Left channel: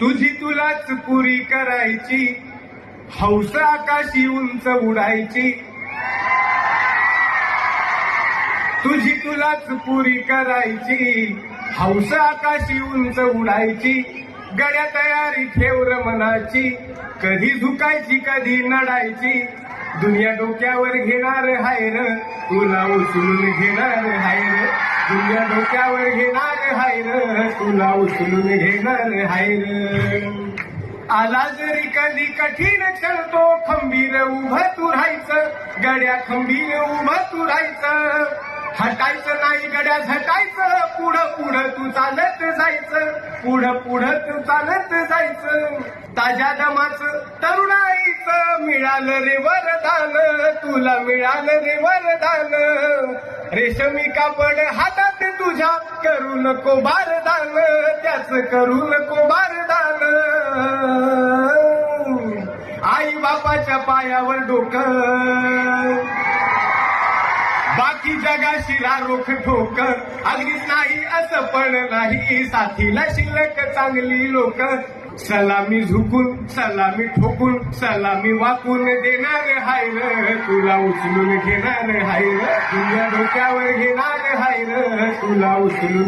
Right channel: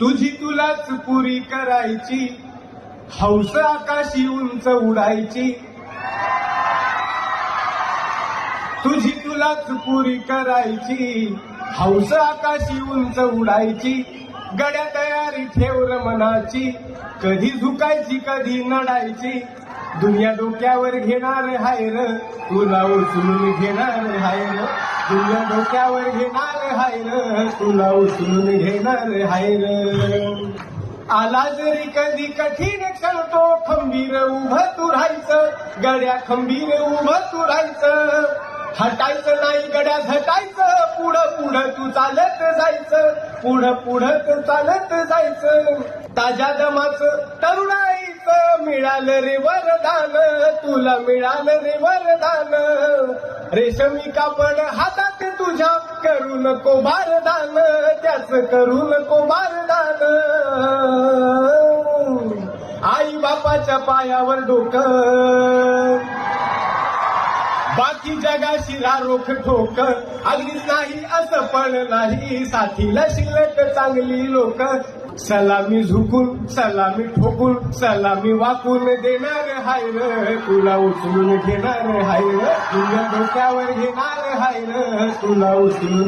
तुझी तुलाच पुरी करायची हौस आकाशी उंच उडायची तुझी तुलाच पुरी करायची हौस आकाशी उंच उडायची गड्या तयारी ठेव मनाची कधी झुकायची कधी नडायची दुनिया डोक्यावर घेणार हाय तुला उचलून घेणार हायर तुझ्या डोक्यावर घेणार हायर तुला उचलून घेणार हायर आला जरी कधी कठीण क्षण तो खंबीर उभं तू राहायचं गड्या खंबीर उभं तू राहायचं हटायचं नाही गड्या झटायचं पुढं पुढं तू चालत जायचं पुढं पुढं तू चालत जायचं ताज्या दमाच तरुणा मिळालं रे वरदान तुला मिळालं रे वरदान रेशमी कापड हातात तुझ्या करू नको बारदान त्याच करू नको बारदान आई बापाच्या पायावर डोकं बाकी जगाशी रोख ठोक आलीच नाही असं पण नाही साथीला शिल्लक चांगली लोक सलामी झुकून सलामी ठोकून सलामी वाकून देणार हाय र तुला उचलून घेणार हाय र तुझ्या डोक्यावर घेणार हाय र तुला उचलून